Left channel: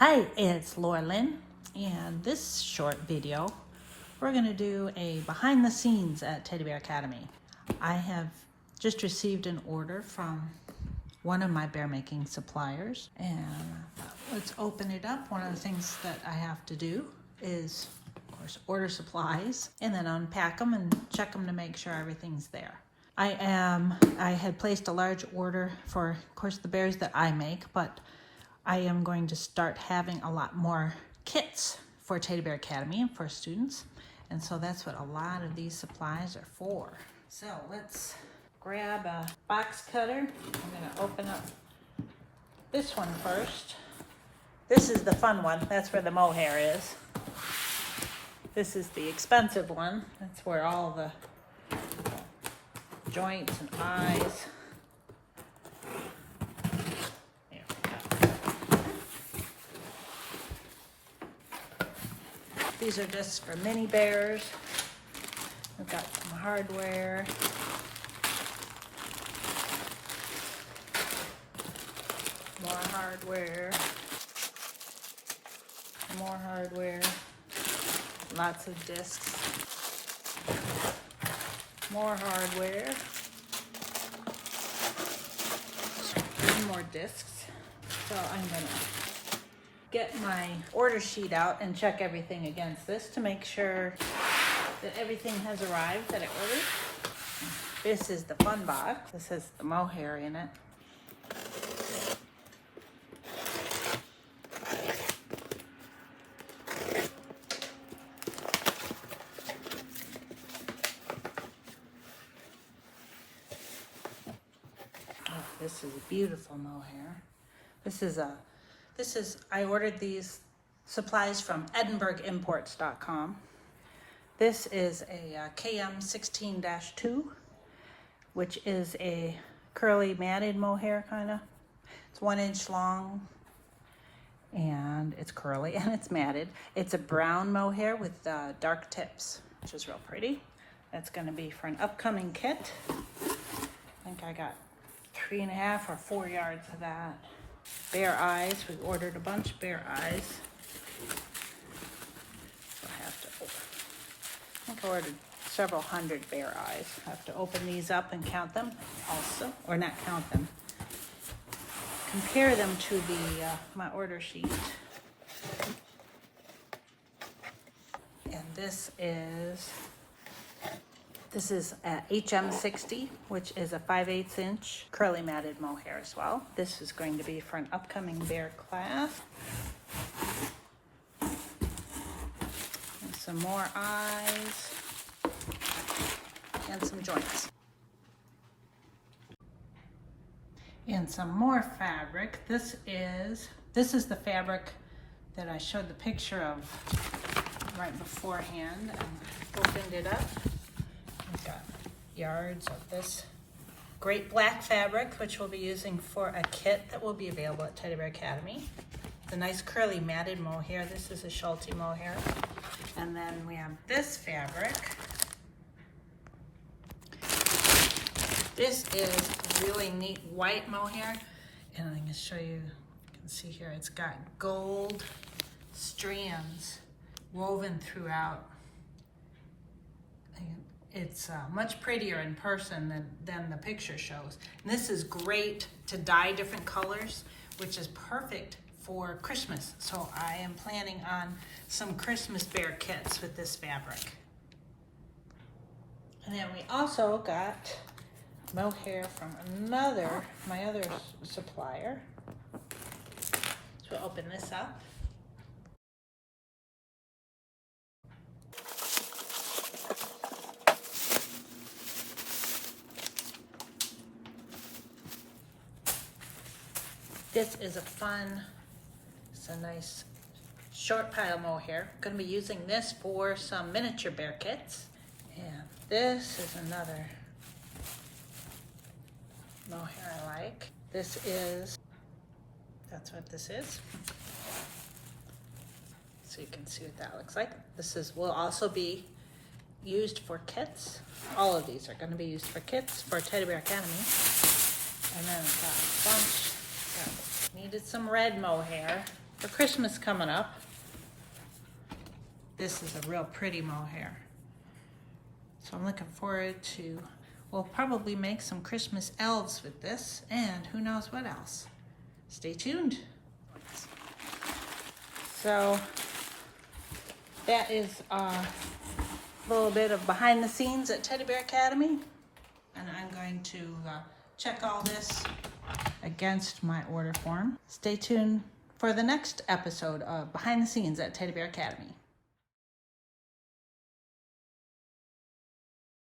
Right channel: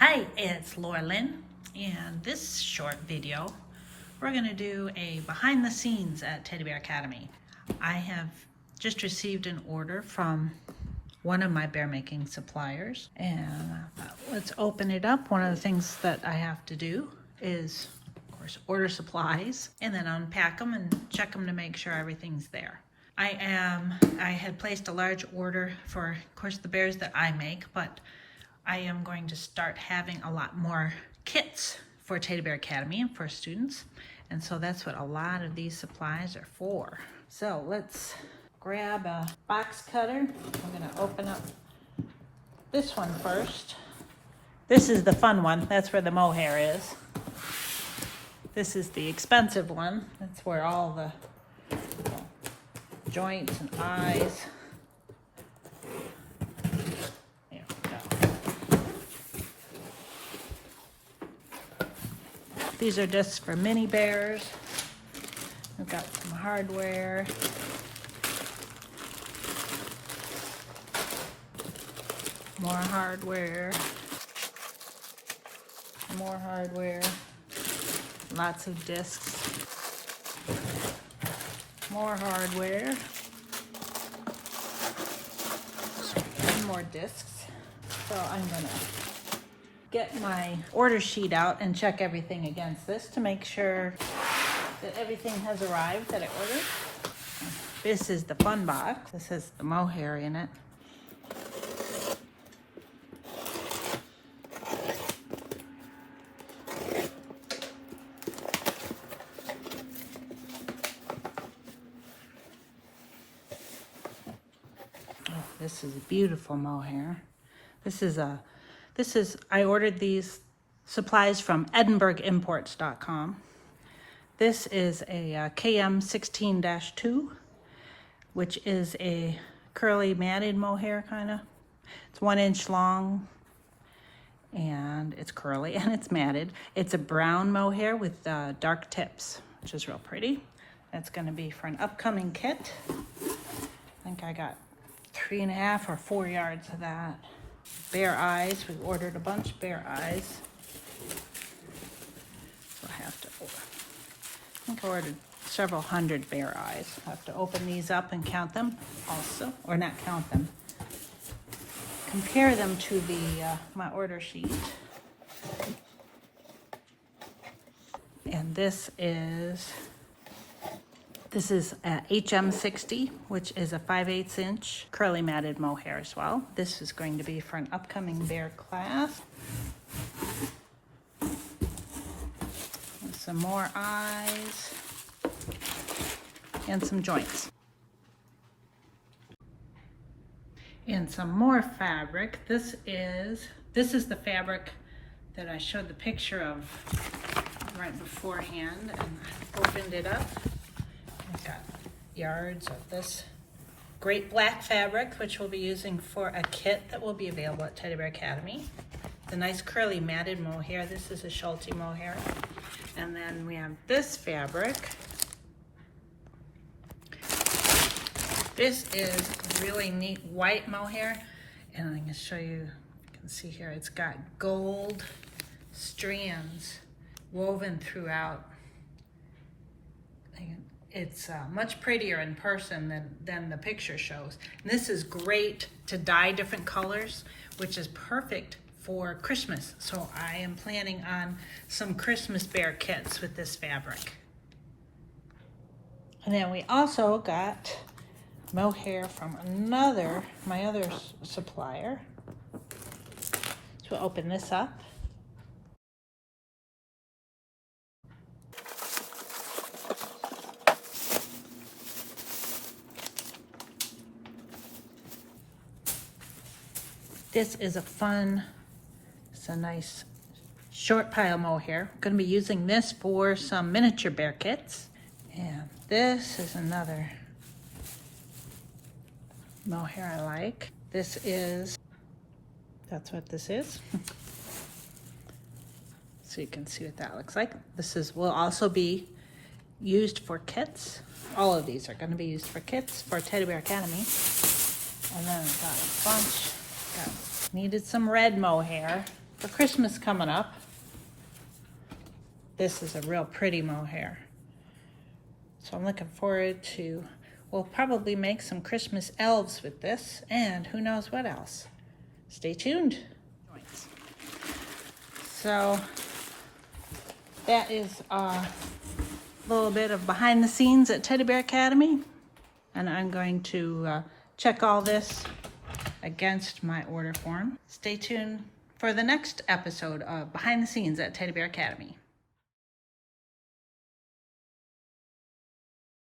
Hi, it's Laura Lynn, and this short video, we're going to do a behind the scenes at Teddy Bear Academy. I have just received an order from one of my bear making suppliers, and let's open it up. One of the things that I have to do is, of course, order supplies and then unpack them and check them to make sure everything's there. I had placed a large order for, of course, the bears that I make, but I am going to start having a lot more kits for Teddy Bear Academy and for students. And so that's what a lot of these supplies are for. So let's grab a box cutter. I'm gonna open up this one first. This is the fun one. That's where the mohair is. This is the expensive one. That's where all the joints and eyes. These are discs for mini bears. We've got some hardware. More hardware. More hardware. Lots of discs. More hardware. And more discs. So I'm gonna get my order sheet out and check everything against this to make sure that everything has arrived that I ordered. This is the fun box. This has the mohair in it. This is a beautiful mohair. I ordered these supplies from EdinburghImports.com. This is a KM16-2, which is a curly matted mohair kind of. It's 1 inch long and it's curly and it's matted. It's a brown mohair with dark tips, which is real pretty. That's gonna be for an upcoming kit. I think I got 3.5 or 4 yards of that. Bear eyes, we ordered a bunch of bear eyes. I think I ordered several hundred bear eyes. I'll have to open these up and count them also, or not count them. Compare them to my order sheet. And this is HM60, which is a 5/8 inch curly matted mohair as well. This is going to be for an upcoming bear class. And some more eyes and some joints. And some more fabric. This is the fabric that I showed the picture of right beforehand, and I opened it up. We've got yards of this great black fabric, which we'll be using for a kit that will be available at Teddy Bear Academy. The nice curly matted mohair. This is a Schulte mohair. And then we have this fabric. This is really neat white mohair. And I'm gonna show you, you can see here, it's got gold strands woven throughout. It's much prettier in person than the picture shows. And this is great to dye different colors, which is perfect for Christmas. So I am planning on some Christmas bear kits with this fabric. And then we also got mohair from my other supplier. So we'll open this up. This is it's a nice short pile mohair. I'm going to be using this for some miniature bear kits. And this is another mohair I like. That's what this is. So you can see what that looks like. Will also be used for kits. All of these are going to be used for kits for Teddy Bear Academy. And then I've got a bunch. Needed some red mohair. for Christmas coming up, this is a real pretty mohair. So I'm looking forward to, we'll probably make some Christmas elves with this, and who knows what else. Stay tuned. So that is a little bit of behind the scenes at Teddy Bear Academy. And I'm going to check all this against my order form. Stay tuned for the next episode of Behind the Scenes at Teddy Bear Academy.